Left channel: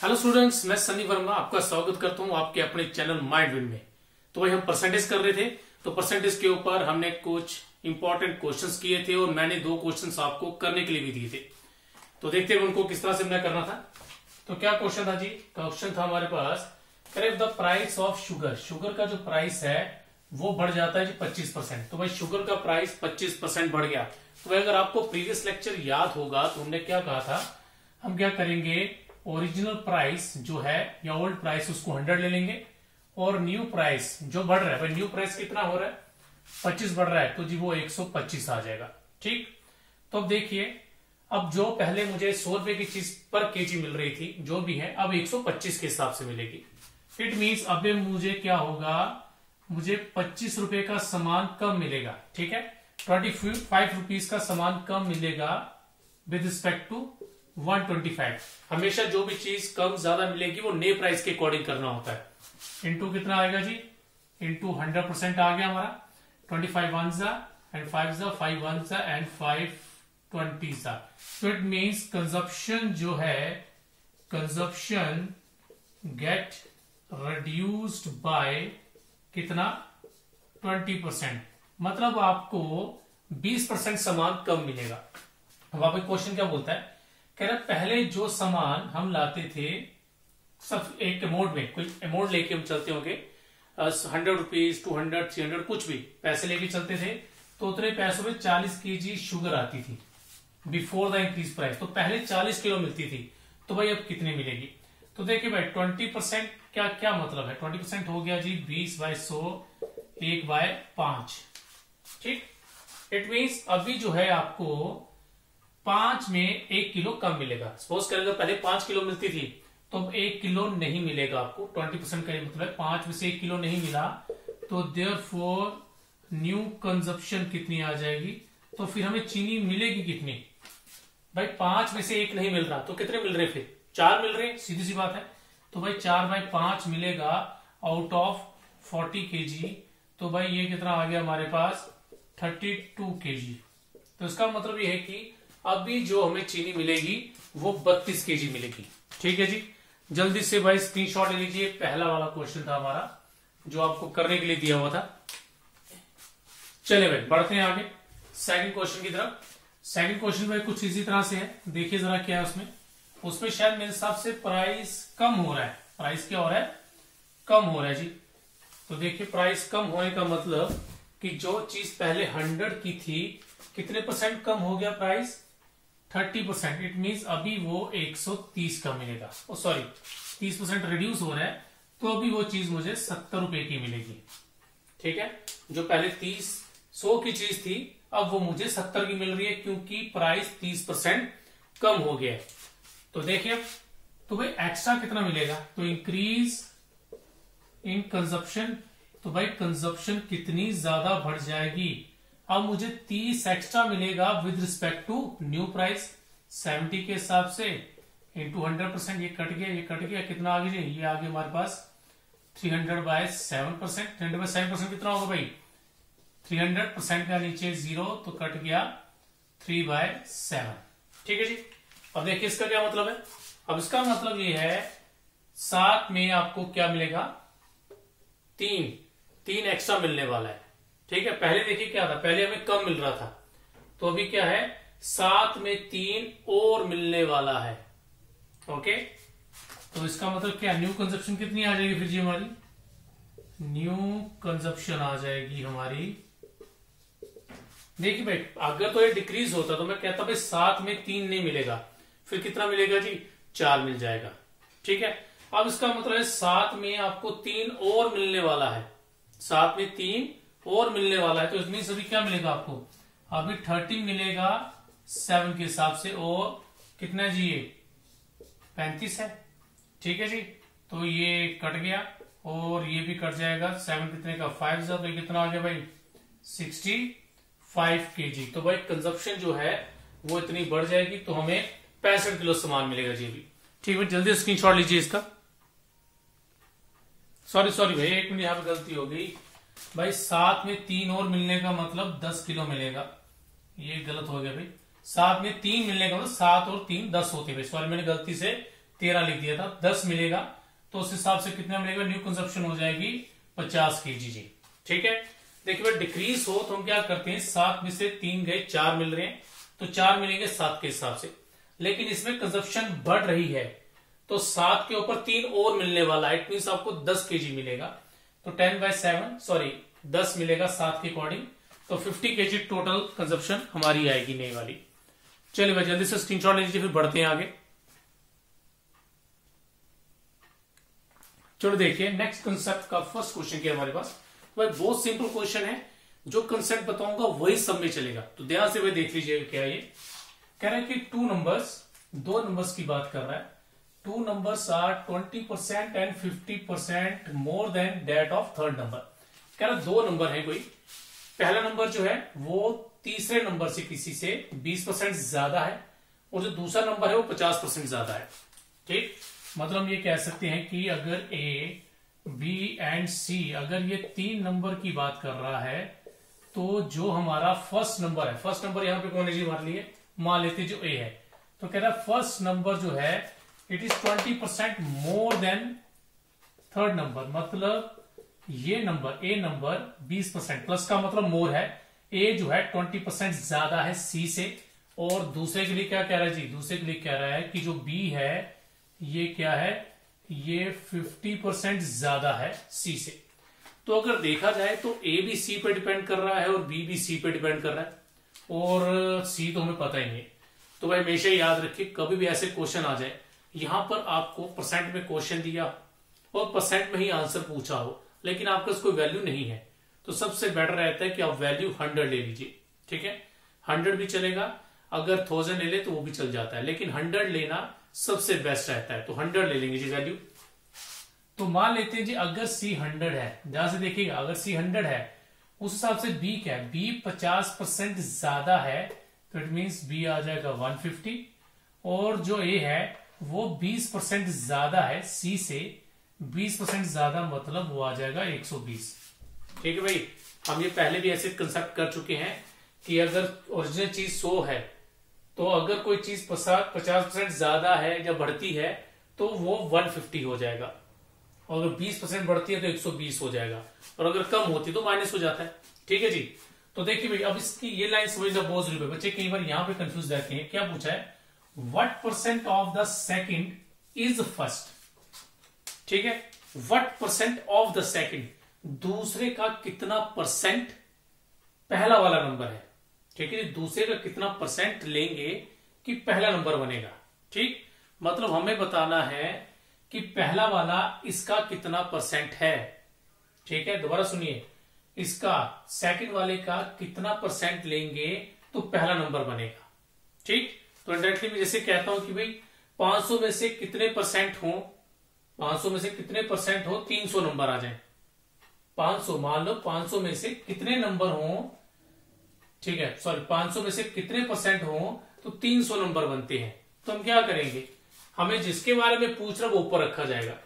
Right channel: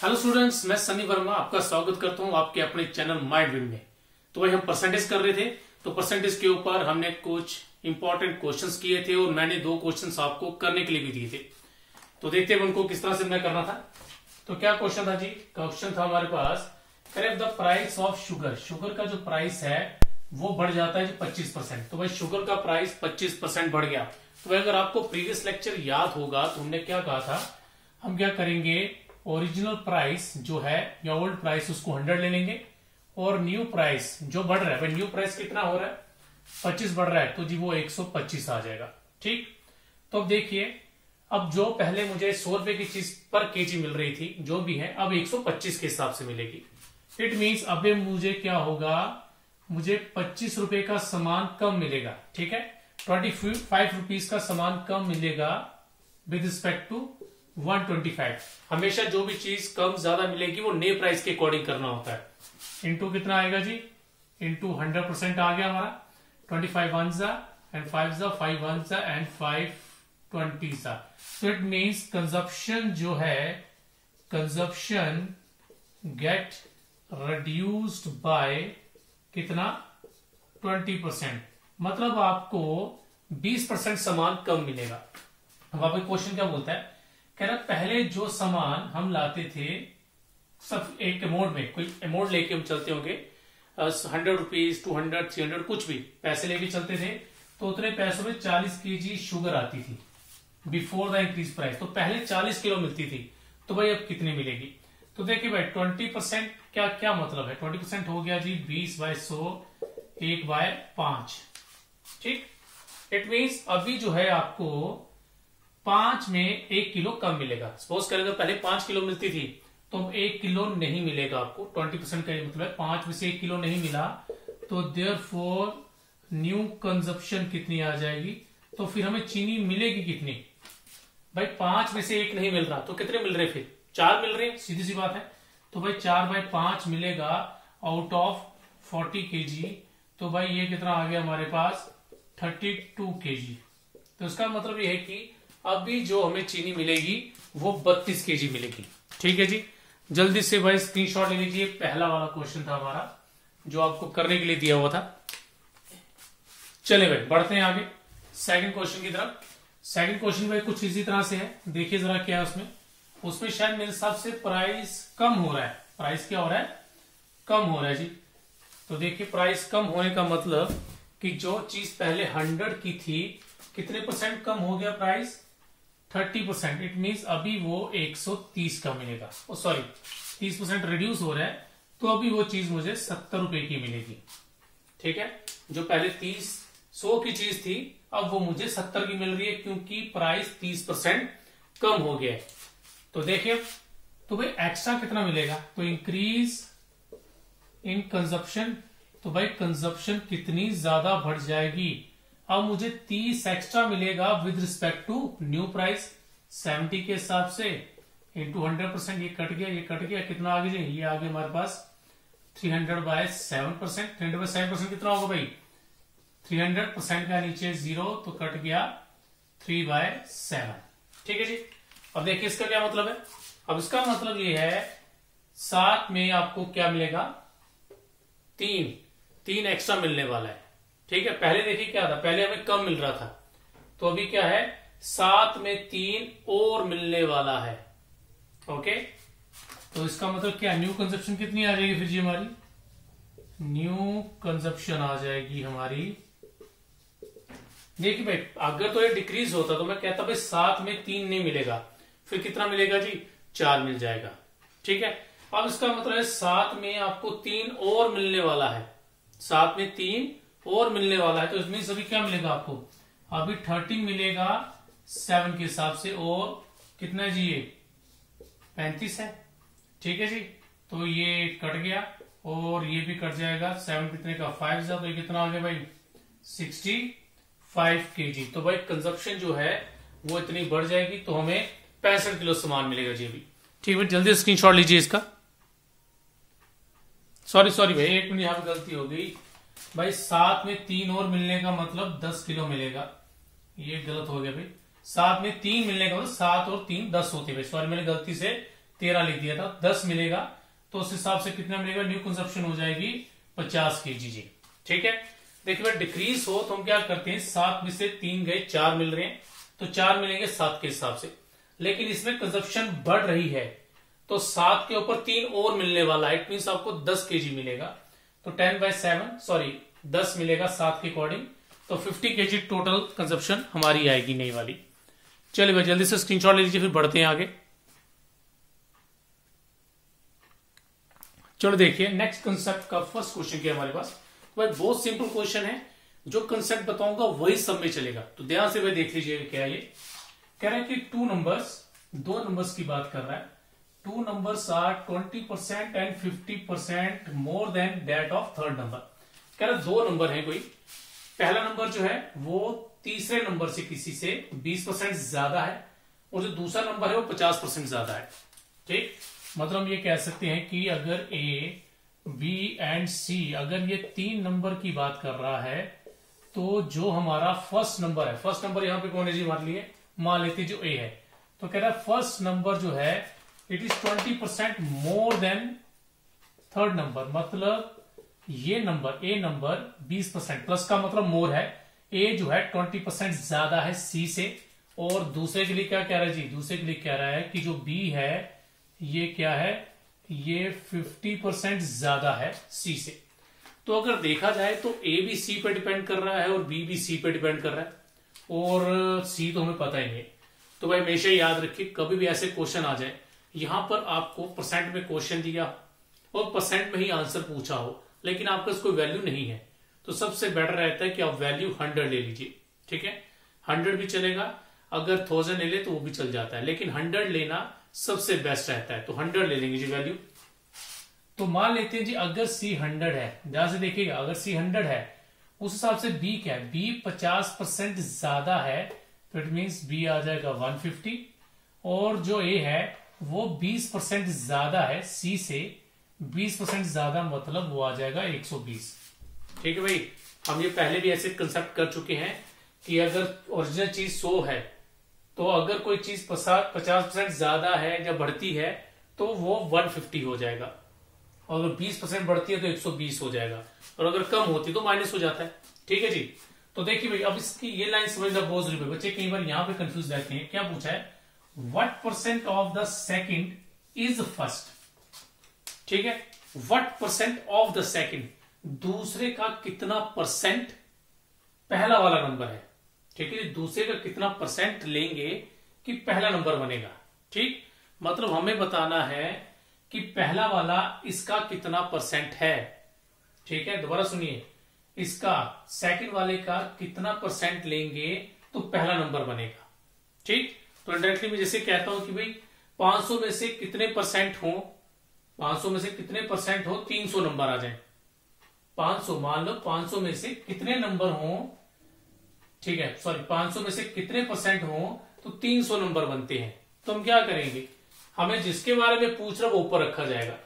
Hello students, मैं सनी वर्मा आपका स्वागत करता हूं आपके अपने चैनल माइंड विन में। तो भाई हम परसेंटेज कर रहे थे, तो परसेंटेज के ऊपर हमने कुछ इंपॉर्टेंट क्वेश्चंस किए थे और मैंने 2 क्वेश्चंस आपको करने के लिए भी दिए थे। तो देखते हैं उनको किस तरह से मैं करना था। तो क्या क्वेश्चन था जी? क्वेश्चन था हमारे पास, correct the price of sugar. Sugar का जो प्राइस है वो बढ़ जाता है जी 25%। तो भाई शुगर का प्राइस 25% बढ़ गया। तो अगर आपको प्रीवियस लेक्चर याद होगा तो हमने क्या कहा था, हम क्या करेंगे, ओरिजिनल प्राइस जो है या ओल्ड प्राइस उसको 100 ले लेंगे और न्यू प्राइस जो बढ़ रहा है, भाई न्यू प्राइस कितना हो रहा है, 25 बढ़ रहा है, तो जी वो 125 आ जाएगा। ठीक, तो अब देखिए, अब जो पहले मुझे 100 रुपए की चीज पर केजी मिल रही थी जो भी है, अब 125 के हिसाब से मिलेगी। इट मीन्स अब मुझे क्या होगा, मुझे 25 रुपए का सामान कम मिलेगा। ठीक है, 25 रुपीज का सामान कम मिलेगा विद रिस्पेक्ट टू 125। हमेशा जो भी चीज कम ज्यादा मिलेगी वो नए प्राइस के अकॉर्डिंग करना होता है। इंटू कितना आएगा जी, इंटू 100% आ गया हमारा। 25 1 जा एंड 5 जा, 5 1 जा एंड 5 20 जा। सो इट मीन्स कंजप्शन जो है, कंजप्शन गेट रिड्यूस्ड बाय कितना, 20%। मतलब आपको 20% सामान कम मिलेगा। अब आप क्वेश्चन क्या बोलता है, कह रहा पहले जो सामान हम लाते थे सब एक अमाउंट में, कोई अमाउंट लेके हम चलते होंगे, 100 रुपीज 200 300 कुछ भी पैसे लेके चलते थे, तो उतने पैसों में 40 केजी शुगर आती थी बिफोर द इंक्रीज प्राइस। तो पहले 40 किलो मिलती थी, तो भाई अब कितने मिलेगी? तो देखिए भाई 20% क्या क्या मतलब है, 20% हो गया जी 20/100, 1/5। ठीक, इट मीन्स अभी जो है आपको 5 में 1 किलो कम मिलेगा। सपोज करें अगर पहले 5 किलो मिलती थी तो अब 1 किलो नहीं मिलेगा आपको। 20% का मतलब है 5 में से 1 किलो नहीं मिला, तो देयरफॉर न्यू कंजप्शन कितनी आ जाएगी, तो फिर हमें चीनी मिलेगी कितनी? भाई 5 में से 1 नहीं मिल रहा, तो कितने मिल रहे, फिर 4 मिल रहे, सीधी सी बात है। तो भाई 4/5 मिलेगा आउट ऑफ 40 केजी। तो भाई ये कितना आ गया हमारे पास, 32 केजी। तो इसका मतलब ये है कि अभी जो हमें चीनी मिलेगी वो 32 केजी मिलेगी। ठीक है जी, जल्दी से भाई स्क्रीनशॉट ले लीजिए। पहला वाला क्वेश्चन था हमारा जो आपको करने के लिए दिया हुआ था। चले भाई बढ़ते हैं आगे सेकंड क्वेश्चन की तरफ। सेकंड क्वेश्चन में कुछ इसी तरह से है, देखिए जरा क्या है उसमें। उसमें शायद मेरे हिसाब से प्राइस कम हो रहा है। प्राइस क्या हो रहा है, कम हो रहा है जी। तो देखिए प्राइस कम होने का मतलब कि जो चीज पहले 100 की थी, कितने % कम हो गया प्राइस, 30%। इट मीन्स अभी वो 130 का मिलेगा। सॉरी 30% रिड्यूस हो रहा है, तो अभी वो चीज मुझे 70 रुपए की मिलेगी। ठीक है, जो पहले 100 की चीज थी अब वो मुझे 70 की मिल रही है, क्योंकि प्राइस 30% कम हो गया है। तो देखिए, तो भाई एक्स्ट्रा कितना मिलेगा, तो इंक्रीज इन कंजप्शन। तो भाई कंजप्शन कितनी ज्यादा बढ़ जाएगी, अब मुझे 30 एक्स्ट्रा मिलेगा with respect to new price 70 के हिसाब से, इंटू 100%। ये कट गया, ये कट गया, कितना आगे जी, ये आगे हमारे पास 300/7%। 300/7% कितना होगा भाई, 300% का नीचे 0 तो कट गया 3/7। ठीक है जी, अब देखिए इसका क्या मतलब है। अब इसका मतलब ये है, साथ में आपको क्या मिलेगा, 3 एक्स्ट्रा मिलने वाला है। ठीक है, पहले देखिए क्या था, पहले हमें कम मिल रहा था, तो अभी क्या है, 7 में 3 और मिलने वाला है। ओके, तो इसका मतलब क्या, न्यू कंजप्शन कितनी आ जाएगी फिर जी हमारी, न्यू कंजप्शन आ जाएगी हमारी। देखिए भाई अगर तो ये डिक्रीज होता तो मैं कहता भाई 7 में 3 नहीं मिलेगा, फिर कितना मिलेगा जी, 4 मिल जाएगा। ठीक है, अब इसका मतलब है 7 में आपको 3 और मिलने वाला है, 7 में 3 और मिलने वाला है। तो इसमें सभी क्या मिलेगा आपको, अभी 13 मिलेगा 7 के हिसाब से, और कितना है जी, ये 35 है। ठीक है जी, तो ये कट गया और ये भी कट जाएगा। 7 कितने का, 5 जा, तो ये कितना आ गया भाई, 65 केजी। तो भाई कंजप्शन जो है वो इतनी बढ़ जाएगी, तो हमें 65 किलो सामान मिलेगा जी अभी। ठीक है, जल्दी स्क्रीनशॉट लीजिए इसका। सॉरी भाई, 1 मिनट, यहां पर गलती हो गई भाई। 7 में 3 और मिलने का मतलब 10 किलो मिलेगा, ये गलत हो गया भाई। 7 में 3 मिलने का मतलब 7 और 3 10 होते भाई। सॉरी मैंने गलती से 13 लिख दिया था, 10 मिलेगा तो उस हिसाब से कितना मिलेगा, न्यू कंजप्शन हो जाएगी 50 kg जी। ठीक है, देखिए भाई डिक्रीज हो तो हम क्या करते हैं, 7 में से 3 गए, 4 मिल रहे हैं तो 4 मिलेंगे 7 के हिसाब से। लेकिन इसमें कंजप्शन बढ़ रही है तो 7 के ऊपर 3 और मिलने वाला है, इट मीन आपको 10 kg मिलेगा। तो 10 मिलेगा 7 के अकॉर्डिंग, तो 50 kg टोटल कंजप्शन हमारी आएगी नई वाली। चलिए भाई जल्दी से स्क्रीनशॉट ले लीजिए, फिर बढ़ते हैं आगे। चलो देखिए नेक्स्ट कंसेप्ट का फर्स्ट क्वेश्चन क्या हमारे पास। भाई बहुत सिंपल क्वेश्चन है, जो कंसेप्ट बताऊंगा वही सब में चलेगा, तो ध्यान से भाई देख लीजिए। क्या ये कह रहा है कि दो नंबर्स की बात कर रहा है। 2 numbers are 20% and 50% more than that of third number। कह रहा 2 नंबर है कोई, पहला नंबर जो है वो तीसरे नंबर से किसी से 20% ज्यादा है और जो दूसरा नंबर है वो 50% ज्यादा है। ठीक, मतलब ये कह सकते हैं कि अगर ए बी एंड सी, अगर ये 3 नंबर की बात कर रहा है तो जो हमारा फर्स्ट नंबर है, फर्स्ट नंबर यहां पे कौन है जी, मान लेते जो ए है, तो कह रहा है फर्स्ट नंबर जो है it is 20% more than third number. मतलब ये नंबर ए नंबर 20%, प्लस का मतलब मोर है, ए जो है 20% ज्यादा है सी से। और दूसरे के लिए क्या कह रहा है जी, दूसरे के लिए कह रहा है कि जो बी है ये क्या है, ये 50% ज्यादा है सी से। तो अगर देखा जाए तो ए भी सी पे डिपेंड कर रहा है और बी भी सी पे डिपेंड कर रहा है, और सी तो हमें पता ही नहीं। तो भाई हमेशा याद रखिए, कभी भी ऐसे क्वेश्चन आ जाए, यहां पर आपको परसेंट में क्वेश्चन दिया और परसेंट में ही आंसर पूछा हो, लेकिन आपका कोई वैल्यू नहीं है, तो सबसे बेटर रहता है कि आप वैल्यू 100 ले लीजिए। ठीक है, 100 भी चलेगा, अगर 1000 ले ले तो वो भी चल जाता है, लेकिन 100 लेना सबसे बेस्ट रहता है। तो 100 ले लेंगे जी वैल्यू। तो मान लेते हैं जी अगर सी 100 है, ध्यान से देखिएगा, अगर सी 100 है उस हिसाब से बी क्या है, बी 50% ज्यादा है, तो इट मीन्स बी आ जाएगा 150। और जो ए है वो 20% ज्यादा है सी से, 20% ज्यादा मतलब वो आ जाएगा 120। ठीक है भाई, हम ये पहले भी ऐसे कंसेप्ट कर चुके हैं कि अगर ओरिजिनल चीज 100 है तो अगर कोई चीज 50% ज्यादा है या बढ़ती है तो वो 150 हो जाएगा, और अगर 20% बढ़ती है तो 120 हो जाएगा, और अगर कम होती है तो माइनस हो जाता है। ठीक है जी, तो देखिए भाई अब इसकी ये लाइन समझना बहुत जरूरी है। बच्चे कई बार यहां पे कंफ्यूज रहते हैं, क्या पूछा है, What percent of the second is first। ठीक है, What percent of the second, दूसरे का कितना परसेंट पहला वाला नंबर है। ठीक है, दूसरे का कितना परसेंट लेंगे कि पहला नंबर बनेगा। ठीक, मतलब हमें बताना है कि पहला वाला इसका कितना परसेंट है। ठीक है, दोबारा सुनिए, इसका सेकंड वाले का कितना परसेंट लेंगे तो पहला नंबर बनेगा। ठीक, तो डायरेक्टली मैं जैसे कहता हूं कि भाई 500 में से कितने परसेंट हो, 500 में से कितने परसेंट हो 300 नंबर आ जाए। 500 मान लो, 500 में से कितने नंबर हो, ठीक है सॉरी 500 में से कितने परसेंट हो तो 300 नंबर बनते हैं। तो हम क्या करेंगे, हमें जिसके बारे में पूछ रहा वो ऊपर रखा जाएगा।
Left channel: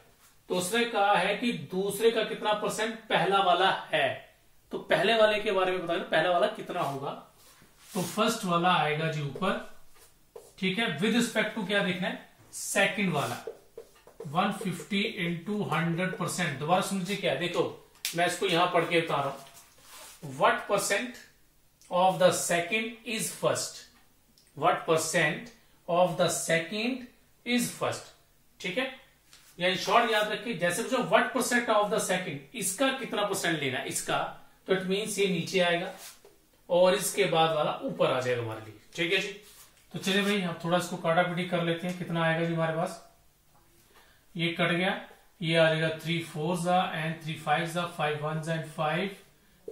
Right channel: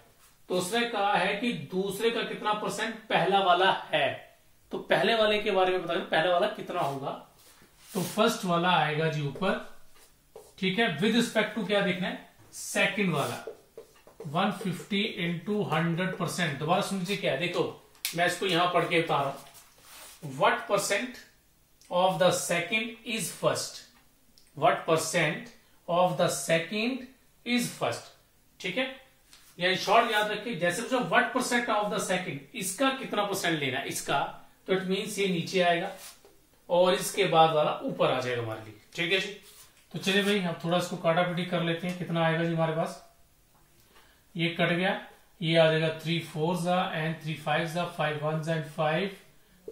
तो उसने कहा है कि दूसरे का कितना परसेंट पहला वाला है, तो पहले वाले के बारे में बताएं, पहला वाला कितना होगा। तो फर्स्ट वाला आएगा जी ऊपर। ठीक है, विद रिस्पेक्ट टू क्या देखना है, सेकंड वाला 150 इंटू 100%। दोबारा सुन लीजिए, क्या है देखो, मैं इसको यहां पढ़ के बता रहा हूं। What percent of the second is first, what percent of the second is first. ठीक है, या शॉर्ट याद रखिए, जैसे पूछो what percent of the second, इसका कितना परसेंट लेना है इसका, तो इट मीन्स ये नीचे आएगा और इसके बाद वाला ऊपर आ जाएगा हमारे लिए। ठीक है जी, तो चलिए भाई हम थोड़ा इसको काटापीटी कर लेते हैं। कितना आएगा जी हमारे पास, ये कट गया, ये आ जाएगा 3 4s and 3 5s, 5 1s and 5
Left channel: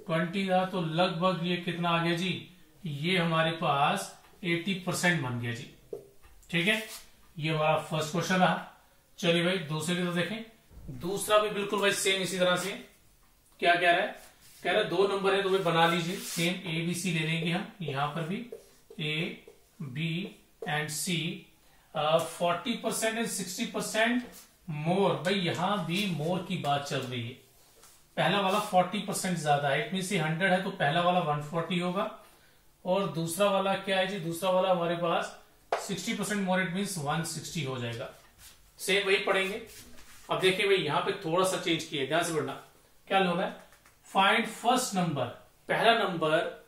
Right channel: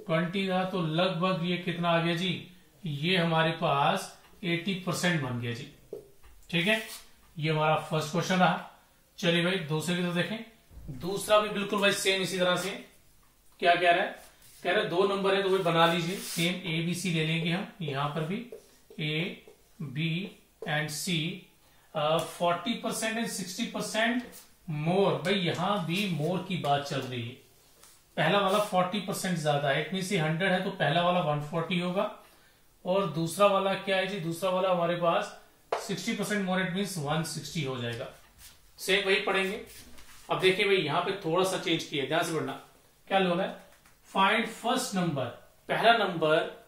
20 तो लगभग ये कितना आ गया जी, ये हमारे पास 80% बन गया जी। ठीक है, ये हमारा फर्स्ट क्वेश्चन रहा। चलिए भाई दूसरे की तो देखें, दूसरा भी बिल्कुल भाई सेम इसी तरह से। क्या कह रहा है, कह रहा है 2 नंबर है तो भाई बना लीजिए, सेम ए बी सी ले लेंगे हम, यहां पर भी A B and C. 40% and 60% more, भाई यहां भी मोर की बात चल रही है। पहला वाला 40% ज्यादा है, इट मीन 100 है तो पहला वाला 140 होगा, और दूसरा वाला क्या है जी, दूसरा वाला हमारे पास 60% मोर, इट मीन 160 हो जाएगा। सेम वही पढ़ेंगे। अब देखिए भाई यहां पे थोड़ा सा चेंज किया, ध्यान से पढ़ना। क्या होना है, फाइंड फर्स्ट नंबर, पहला नंबर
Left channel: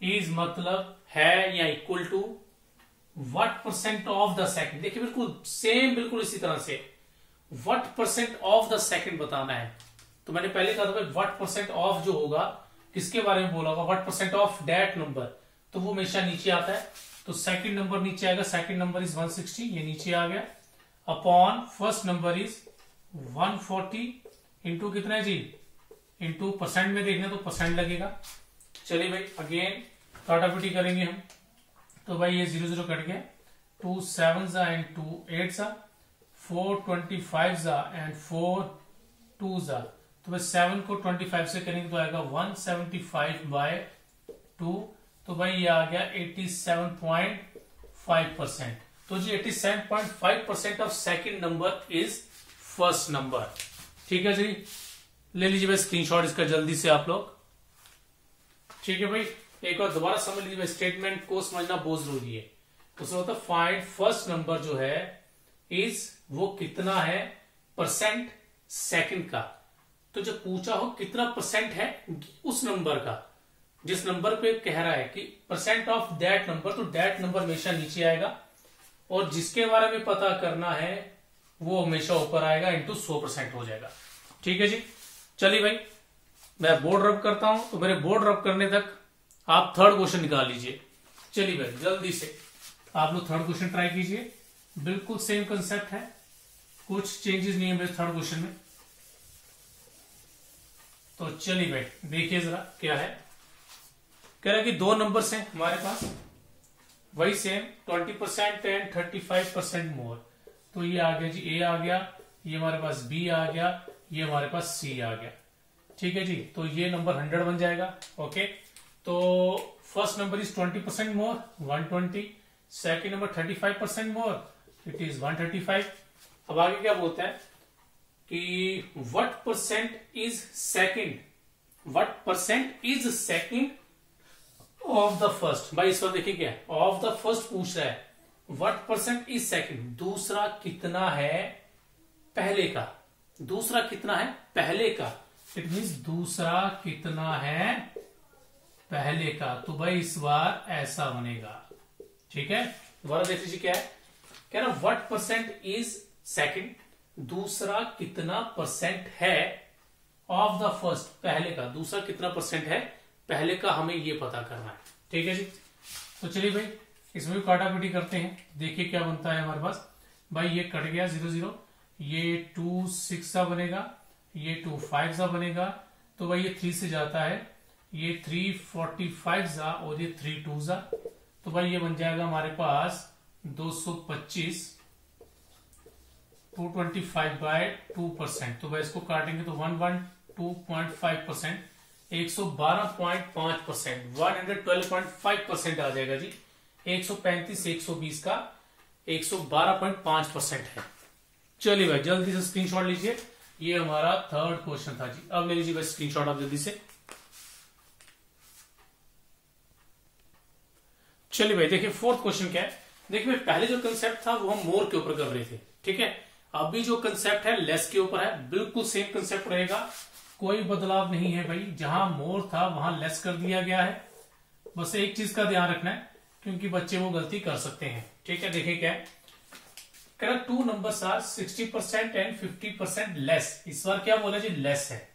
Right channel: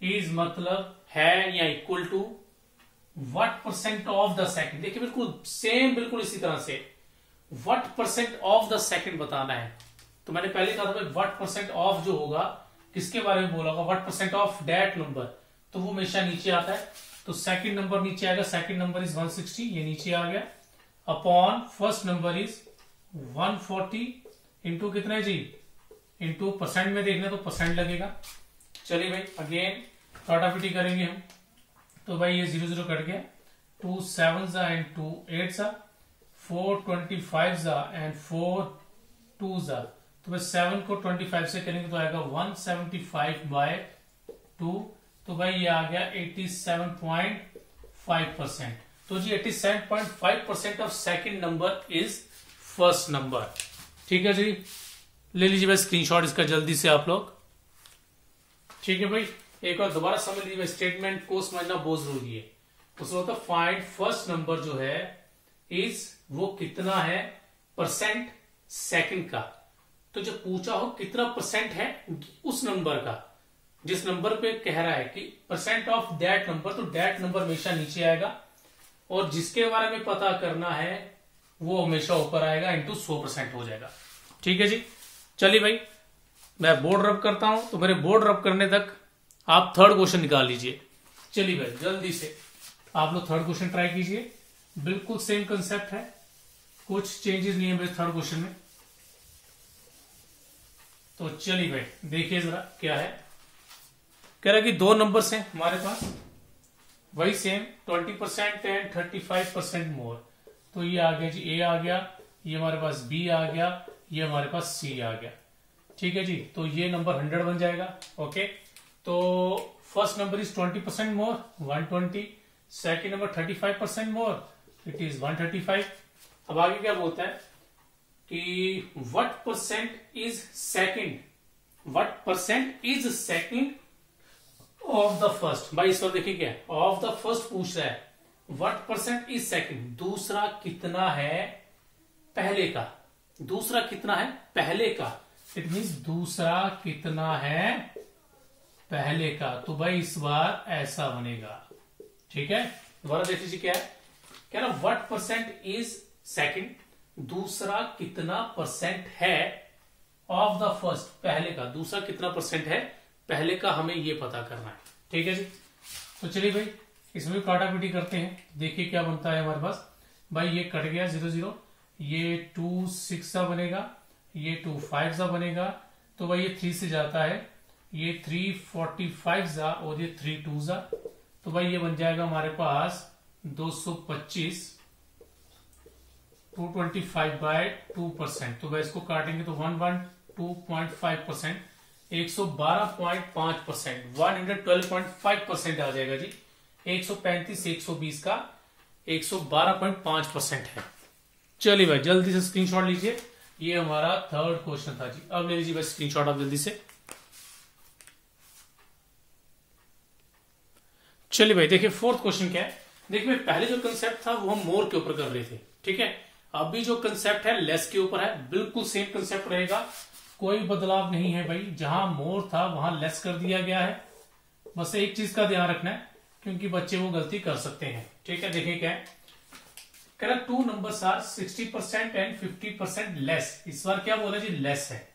इज मतलब है या equal to what percent of the second. देखिए बिल्कुल सेम, बिल्कुल इसी तरह से what percent of the second बताना है। तो मैंने पहले कहा था भाई व्हाट परसेंट ऑफ जो होगा किसके बारे में बोला होगा, what percent of that number, तो वो हमेशा नीचे आता है। तो सेकंड नंबर नीचे आएगा, सेकंड नंबर इज 160, ये नीचे आ गया, upon first number is 140 into कितना है जी, इंटू परसेंट में देखना तो परसेंट लगेगा। चलिए भाई अगेन काटाकुटी करेंगे हम। तो भाई ये 0 0 कट गया, 2 7 एंड 2 8 4 25 एंड 4 2 तो भाई 7 को 25 से करेंगे तो आएगा 175/2। तो भाई ये आ गया 87.5%। तो जी 87.5% of second number is first number. ठीक है जी, ले लीजिए भाई स्क्रीनशॉट इसका जल्दी से आप लोग। ठीक है भाई, एक बार दोबारा समझ लीजिए, स्टेटमेंट को समझना बहुत जरूरी है। उसमें होता है फाइंड फर्स्ट नंबर जो है इज, वो कितना है परसेंट सेकंड का। तो जो पूछा हो कितना परसेंट है उस नंबर का, जिस नंबर पे कह रहा है कि परसेंट ऑफ दैट नंबर, तो दैट नंबर हमेशा नीचे आएगा, और जिसके बारे में पता करना है वो हमेशा ऊपर आएगा, इंटू 100% हो जाएगा। ठीक है जी, चलिए भाई मैं बोर्ड रब करता हूं, तो मेरे बोर्ड रब करने तक आप थर्ड क्वेश्चन निकाल लीजिए। चलिए भाई जल्दी से आप लोग थर्ड क्वेश्चन ट्राई कीजिए, बिल्कुल सेम कंसेप्ट है, कुछ चेंजेस नहीं है मेरे थर्ड क्वेश्चन में। तो चलिए भाई देखिए जरा क्या है, कह रहा है कि दो नंबर्स हैं हमारे पास वही सेम, 20% एंड 35% मोर। तो ये आ गया जी ए आ गया, ये हमारे पास बी आ गया, ये हमारे पास सी आ गया। ठीक है जी, तो ये नंबर 100 बन जाएगा। ओके, तो first number is 20% more 120, second number 35% more it is 135। अब आगे क्या बोलता है कि what percent is second, what percent is second of the first. भाई इस बार देखिए क्या है, ऑफ द फर्स्ट पूछ रहा है, व्हाट परसेंट इज सेकंड, दूसरा कितना है पहले का, दूसरा कितना है पहले का, इट मीन्स दूसरा कितना है पहले का। तो भाई इस बार ऐसा बनेगा। ठीक है, दोबारा देख लीजिए क्या है, कह रहा व्हाट परसेंट इज सेकंड, दूसरा कितना परसेंट है ऑफ द फर्स्ट, पहले का, दूसरा कितना परसेंट है पहले का, हमें ये पता करना है। ठीक है जी, तो चलिए भाई इसमें भी काटापीटी करते हैं, देखिए क्या बनता है हमारे पास। भाई ये कट गया 0 0, ये 2 6 बनेगा, ये 2 5 बनेगा, तो भाई ये 3 से जाता है, ये 3 45 और ये 3 2 तो भाई ये बन जाएगा हमारे पास 225, 225/2%। तो भाई इसको काटेंगे तो 112.5%, 112.5%, 112.5% आ जाएगा जी। 135 120 का 112.5% है। चलिए भाई जल्दी से स्क्रीनशॉट लीजिए, ये हमारा थर्ड क्वेश्चन था जी। अब ले लीजिए भाई स्क्रीनशॉट आप जल्दी से। चलिए भाई देखिए फोर्थ क्वेश्चन क्या है। देखिए भाई पहले जो कंसेप्ट था वो हम मोर के ऊपर कर रहे थे, ठीक है। अभी जो कंसेप्ट है लेस के ऊपर है, बिल्कुल सेम कंसेप्ट रहेगा, कोई बदलाव नहीं है भाई। जहां मोर था वहां लेस कर दिया गया है, बस एक चीज का ध्यान रखना है क्योंकि बच्चे वो गलती कर सकते हैं। ठीक है, देखिए क्या है, कह रहा 2 नंबर्स आर 60% एंड 50% लेस। इस बार क्या बोला जी, लेस है।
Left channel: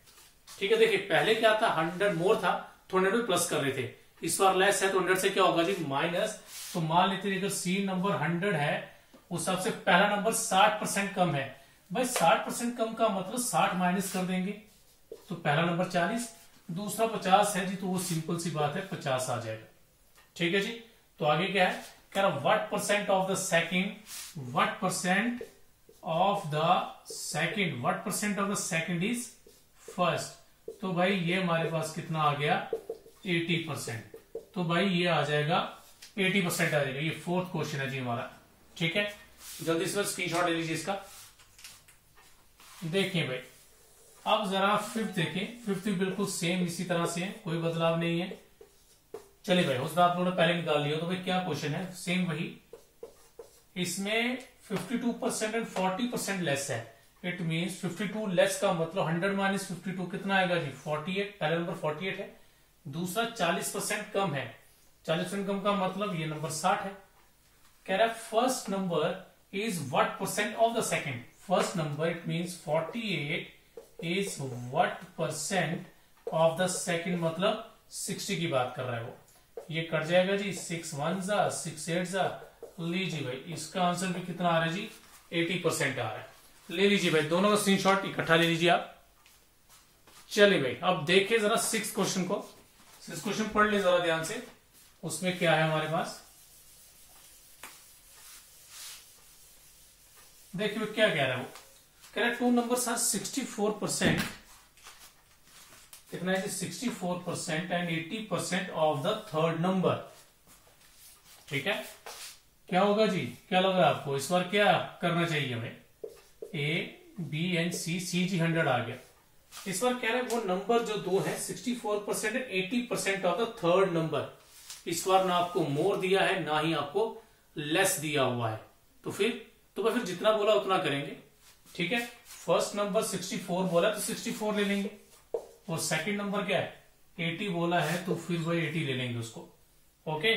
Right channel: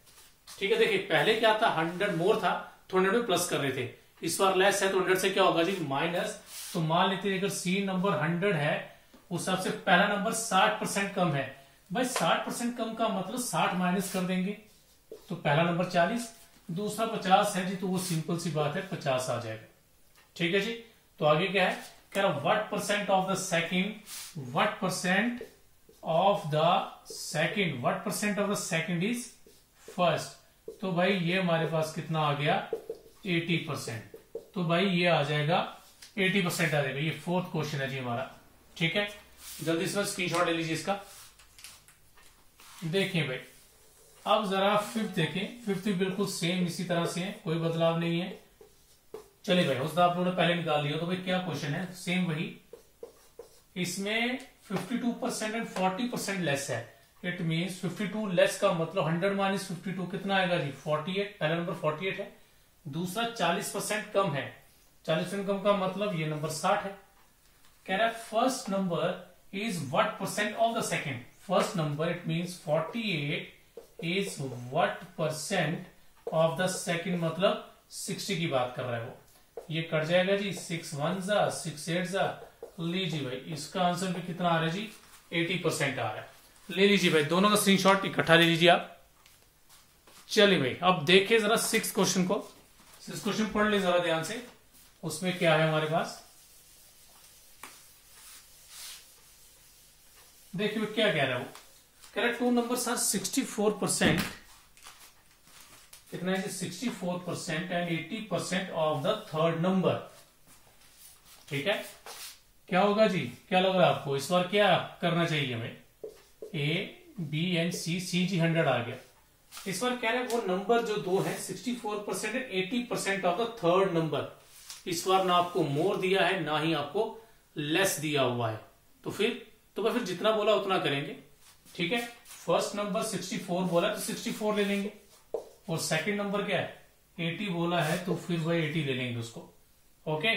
ठीक है, देखिए पहले क्या था, 100 मोर था तो 100 में प्लस कर रहे थे, इस बार लेस है तो 100 से क्या होगा जी माइनस। तो मान लेते हैं अगर सी नंबर 100 है उस हिसाब से पहला नंबर 60% कम है। भाई 60% कम का मतलब 60 माइनस कर देंगे तो पहला नंबर 40, दूसरा 50 है जी, तो वो सिंपल सी बात है 50 आ जाएगा। ठीक है जी, तो आगे क्या है, कह रहा what percent of the second, what percent of the second, what percent of the second is first. तो भाई ये हमारे पास कितना आ गया 80%। तो भाई ये आ जाएगा 80% आ जाएगा। ये फोर्थ क्वेश्चन है जी हमारा। ठीक है, जल्दी से स्क्रीनशॉट ले लीजिए इसका। देखिए भाई अब जरा फिफ्थ देखें, फिफ्थ भी बिल्कुल सेम इसी तरह से है, कोई बदलाव नहीं है। चलिए भाई उसका आप लोगों ने पहले निकाल लिया, तो भाई क्या क्वेश्चन है, सेम वही। इसमें 52% एंड 40% लेस है। इट मीन्स 52 लेस का मतलब 100 माइनस 52 कितना आएगा जी 48। पहला नंबर 48 है। दूसरा 40% कम है। 40% कम का मतलब ये नंबर 60 है। कह रहा है first number is what percent of the second. First number it means 48 is what percent of the second, मतलब 60 की बात कर रहा है वो। ये कट जाएगा जी 6 1 जा 6 8 जा। लीजिए भाई इसका आंसर भी कितना आ रहा है जी 80% आ रहा है। ले लीजिए भाई दोनों का स्क्रीनशॉट इकट्ठा ले लीजिए आप। चलिए भाई अब देखिए जरा 6 क्वेश्चन को। 6 क्वेश्चन पढ़ ले जरा ध्यान से। उसमें क्या है हमारे पास, देखिए क्या कह रहा है वो। कह रहा है 2 नंबर्स आर 64%, कितना है जी 64% and 80% of the third number. ठीक है, क्या होगा जी, क्या लग रहा है आपको इस बार क्या करना चाहिए हमें। ए बी एंड सी, सी जी 100 आ गया। इस बार कह रहे हैं वो नंबर जो दो है 64% and 80% of the third number. इस बार ना आपको मोर दिया है ना ही आपको लेस दिया हुआ है। तो फिर जितना बोला उतना करेंगे। ठीक है, फर्स्ट नंबर 64 बोला तो 64 ले लेंगे, और सेकंड नंबर क्या है 80 बोला है तो फिर वही 80 ले लेंगे उसको। ओके,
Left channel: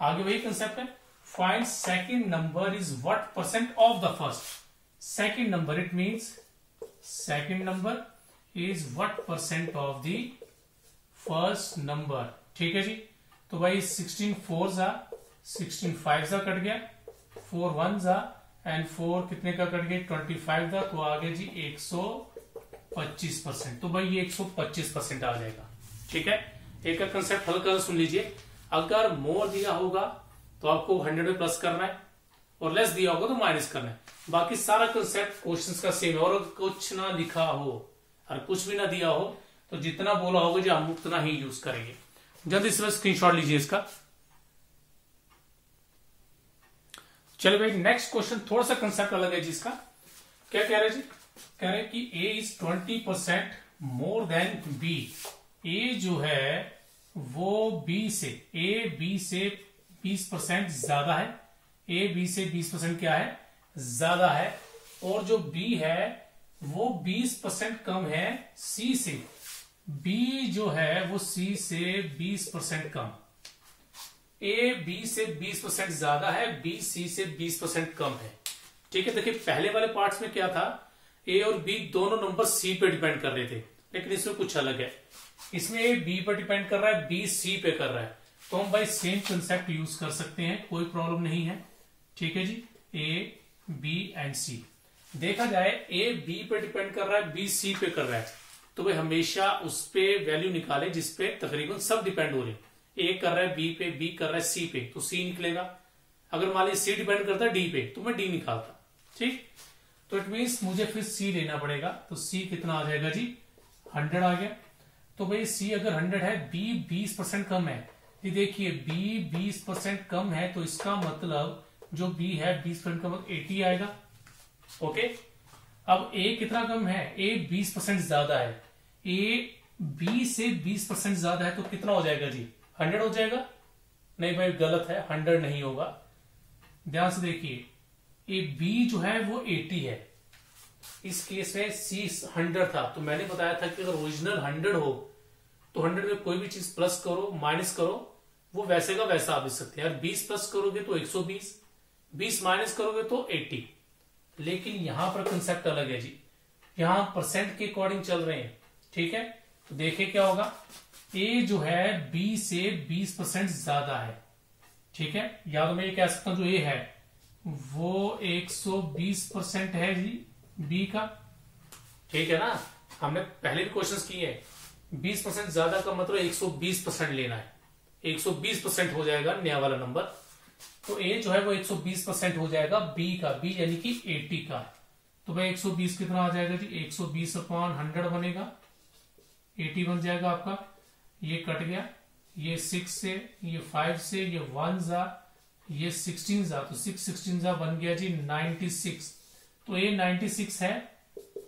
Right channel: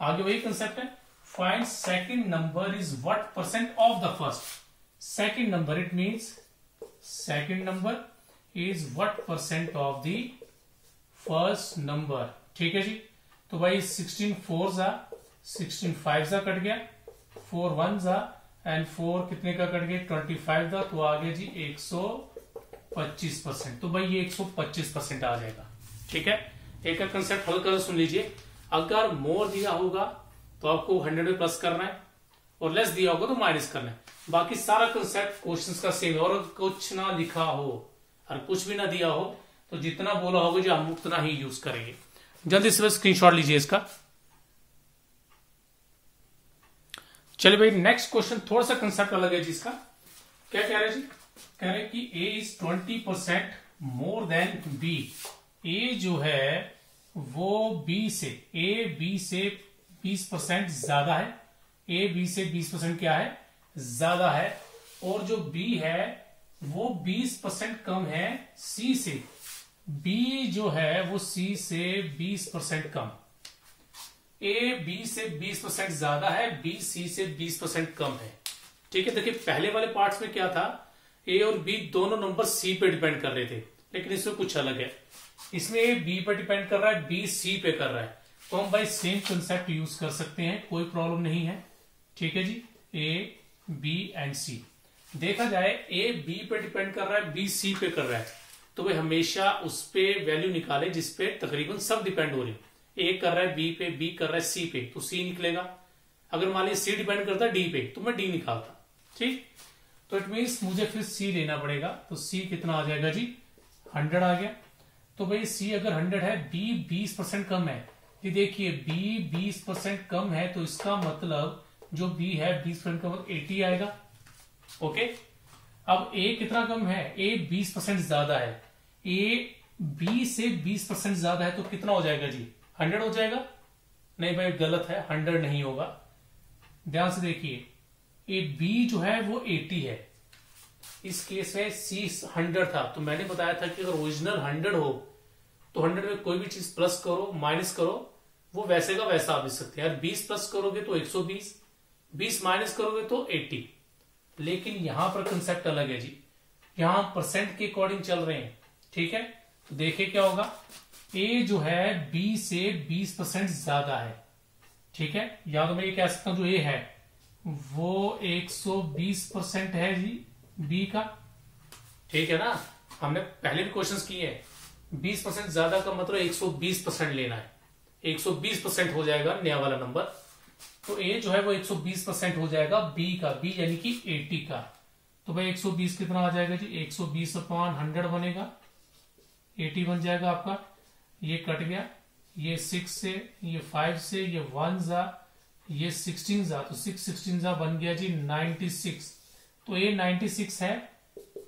आगे वही कंसेप्ट है। Find second number is what percent of the first. Second number it means second number is what percent of the first number. ठीक है जी, तो भाई 16 4 जा 16 5 जा कट गया, 4 1 जा एंड 4 कितने का कट गया 25 जा, तो आगे जी 125%। तो भाई ये 125% आ जाएगा। ठीक है, एक कंसेप्ट हल कर सुन लीजिए। अगर मोर दिया होगा तो आपको 100 में प्लस करना है, और लेस दिया होगा तो माइनस करना है। बाकी सारा कंसेप्ट क्वेश्चंस का सेम है। और कुछ ना लिखा हो और कुछ भी ना दिया हो तो जितना बोला होगा जो हम उतना ही यूज करेंगे। जल्दी से स्क्रीनशॉट लीजिए इसका। चलिए भाई नेक्स्ट क्वेश्चन थोड़ा सा कंसेप्ट अलग है जिसका। क्या कह रहे हैं जी, कह रहे हैं कि A is 20% more than B. ए जो है वो बी से, ए बी से 20% ज्यादा है। ए बी से 20% क्या है ज्यादा है, और जो बी है वो 20% कम है सी से। बी जो है वो सी से 20% कम। ए बी से 20% ज्यादा है, बी सी से 20% कम है। ठीक है, देखिए पहले वाले पार्ट्स में क्या था, ए और बी दोनों नंबर सी पे डिपेंड कर रहे थे, लेकिन इसमें कुछ अलग है। इसमें ए बी पे डिपेंड कर रहा है, बी सी पे कर रहा है। तो हम भाई सेम कंसेप्ट यूज कर सकते हैं, कोई प्रॉब्लम नहीं है। ठीक है जी, ए बी एंड सी। देखा जाए ए बी पे डिपेंड कर रहा है, बी सी पे कर रहा है, तो भाई हमेशा उस पे वैल्यू निकाले जिसपे तकरीबन सब डिपेंड हो रहे हैं। ए कर रहा है बी पे, बी कर रहा है सी पे, तो सी निकलेगा। अगर मान लीजिए सी डिपेंड करता है डी पे तो मैं डी निकालता। ठीक, तो इट मीन्स मुझे फिर सी लेना पड़ेगा। तो सी कितना आ जाएगा जी 100 आ गया। तो भाई सी अगर 100 है, बी 20% कम है। ये देखिए बी 20% कम है, तो इसका मतलब जो बी है 20% कम 80 आएगा। ओके, अब ए कितना कम है, ए 20% ज्यादा है। ए बी से 20% ज्यादा है तो कितना हो जाएगा जी 100 हो जाएगा। नहीं भाई गलत है, 100 नहीं होगा। ध्यान से देखिए, ए बी जो है वो 80 है, इस केस में सी 100 था। तो मैंने बताया था कि अगर ओरिजिनल 100 हो तो 100 में कोई भी चीज प्लस करो माइनस करो वो वैसे का वैसा आ भी सकते हैं। 20 प्लस करोगे तो 120, 20 माइनस करोगे तो 80। लेकिन यहां पर कंसेप्ट अलग है जी, यहां परसेंट के अकॉर्डिंग चल रहे हैं। ठीक है, तो देखिए क्या होगा, ए जो है बी से 20% ज्यादा है। ठीक है, या तो मैं ये कह सकता हूं जो ए है वो 120% है जी बी का। ठीक है ना, हमने पहले भी क्वेश्चंस किए हैं। 20% ज्यादा का मतलब 120% लेना है, 120% हो जाएगा नया वाला नंबर। तो ए जो है वो 120% हो जाएगा बी का, बी यानी कि 80 का। तो भाई 120 कितना आ जाएगा जी 120/100 बनेगा, 80 बन जाएगा आपका। ये कट गया, ये 6 से, ये 5 से, ये 1 जा, ये 16 जा, तो 6 16 जा बन गया जी 96। तो ए 96 है,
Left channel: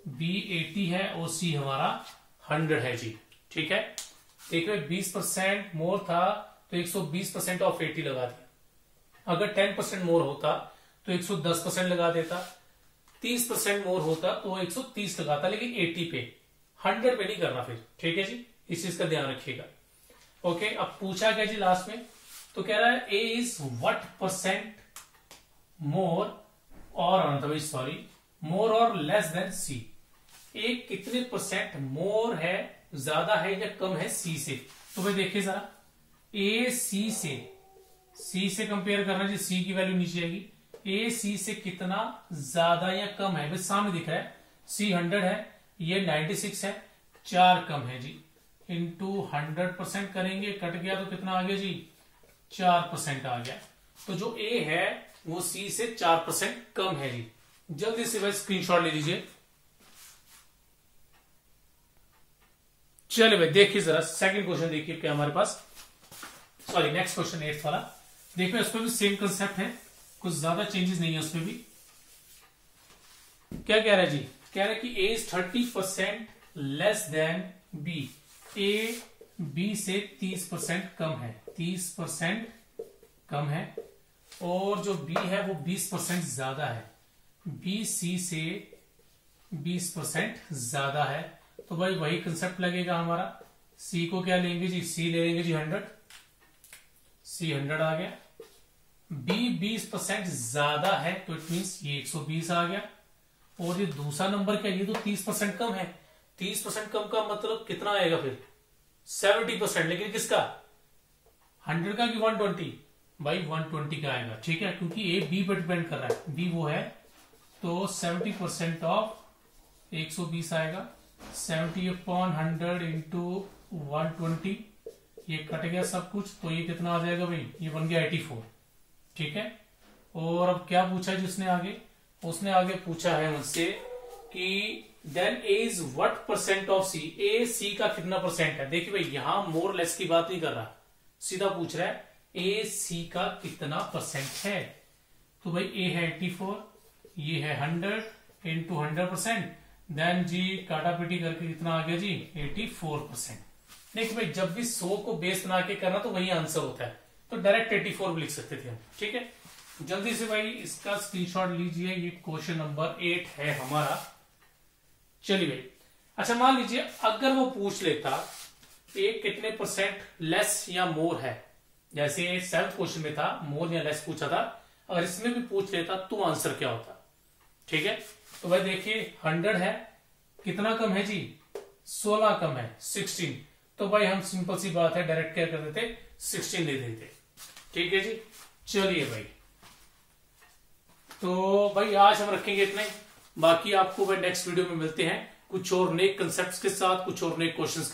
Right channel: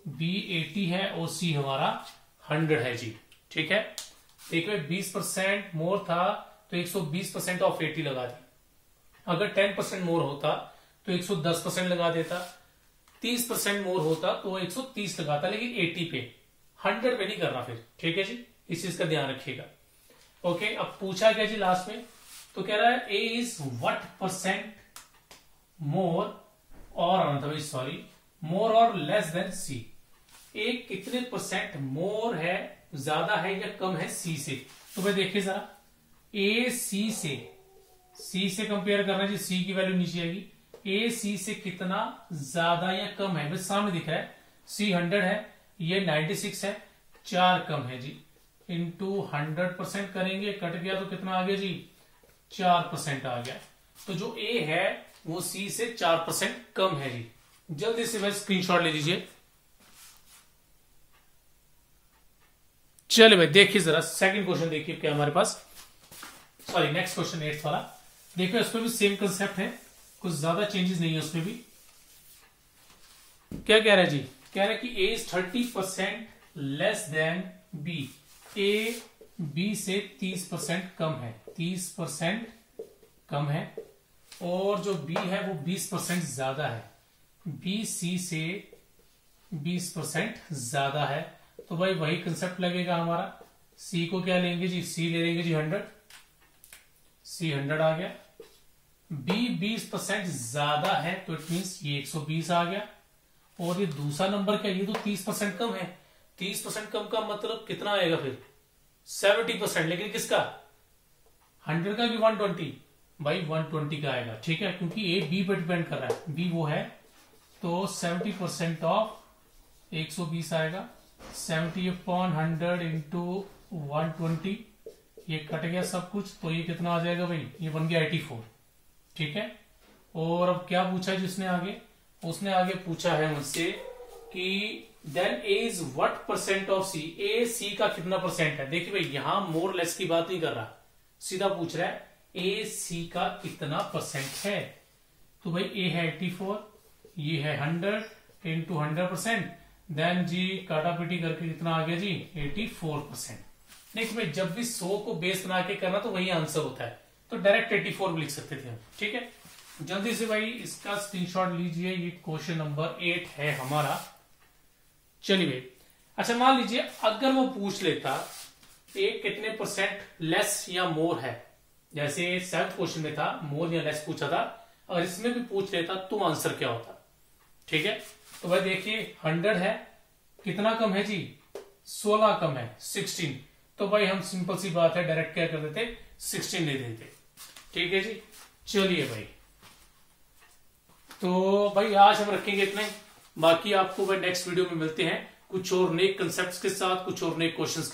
बी 80 है और सी हमारा 100 है जी। ठीक है, देखिए 20% मोर था तो 120% ऑफ 80 लगा दी। अगर 10% मोर होता तो तो 110% लगा देता, 30% मोर होता तो 130 लगाता, लेकिन 80 पे, 100 पे नहीं करना फिर। ठीक है जी, इस चीज का ध्यान रखिएगा। ओके, अब पूछा गया जी लास्ट में, तो कह रहा है ए इज व्हाट परसेंट मोर और सॉरी मोर और लेस देन सी। ए कितने परसेंट मोर है, ज्यादा है या कम है सी से। तो भाई देखिए जरा, ए सी से कंपेयर करना जी, सी की वैल्यू नीचे आएगी। ए सी से कितना ज्यादा या कम है, भाई सामने दिख रहा है, सी 100 है, ये 96 है, 4 कम है जी। इंटू 100% करेंगे, कट गया तो कितना आ गया जी, 4% आ गया। तो जो ए है वो सी से 4% कम है जी। जल्दी से भाई स्क्रीनशॉट ले लीजिए। चलिए भाई देखिए जरा सेकंड क्वेश्चन देखिए क्या हमारे पास, सॉरी नेक्स्ट क्वेश्चन 8th वाला। देखिए उसमें भी सेम कंसेप्ट है, कुछ ज्यादा चेंजेस नहीं है उसमें भी। क्या कह रहा है जी, कह रहा है कि A is 30% less than B. A B से 30% कम है, 30% कम है, और जो बी है वो 20% ज्यादा है। बी सी से 20% ज्यादा है, तो भाई वही कंसेप्ट लगेगा हमारा। सी को क्या लेंगे जी, सी ले लेंगे जी 100, सी 100 आ गया। बी 20% ज्यादा है, तो इट मीन्स ये 120 आ गया। और ये दूसरा नंबर क्या, ये तो 30% कम है। 30% कम का मतलब कितना आएगा फिर, 70%। लेकिन किसका, 100 का कि 120, भाई 120 का आएगा। ठीक है, क्योंकि ए बी पर डिपेंड कर रहा है, बी वो है, तो 70% ऑफ 120 आएगा। 70/100 इंटू 120, ये कट गया सब कुछ, तो ये कितना आ जाएगा भाई, ये बन गया 84। ठीक है, और अब क्या पूछा है जिसने आगे, उसने आगे पूछा है मुझसे कि then A is what percent of C. A C का कितना परसेंट है। देखिए भाई यहां मोर लेस की बात नहीं कर रहा, सीधा पूछ रहा है ए सी का कितना परसेंट है। तो भाई ए है 84, ये है 100 इंटू 100%, देन जी काटा पीटी करके कितना आ गया जी, 84%। देखिए भाई जब भी 100 को बेस बना के करना तो वही आंसर होता है, तो डायरेक्ट 84 भी लिख सकते थे हम। ठीक है, जल्दी से भाई इसका स्क्रीनशॉट लीजिए, ये क्वेश्चन नंबर 8 है हमारा। चलिए भाई, अच्छा मान लीजिए अगर वो पूछ लेता ए कितने परसेंट लेस या मोर है, जैसे 7th क्वेश्चन में था मोर या लेस पूछा था, अगर इसमें भी पूछ लेता तो आंसर क्या होता। ठीक है, तो भाई देखिए 100 है, कितना कम है जी, 16 कम है, 16। तो भाई हम सिंपल सी बात है डायरेक्ट क्या कर देते, 16 ले देते। ठीक है जी, चलिए भाई, तो भाई आज हम रखेंगे इतना ही। बाकी आपको भाई नेक्स्ट वीडियो में मिलते हैं कुछ और नए कंसेप्ट्स के साथ, कुछ और नए क्वेश्चंस के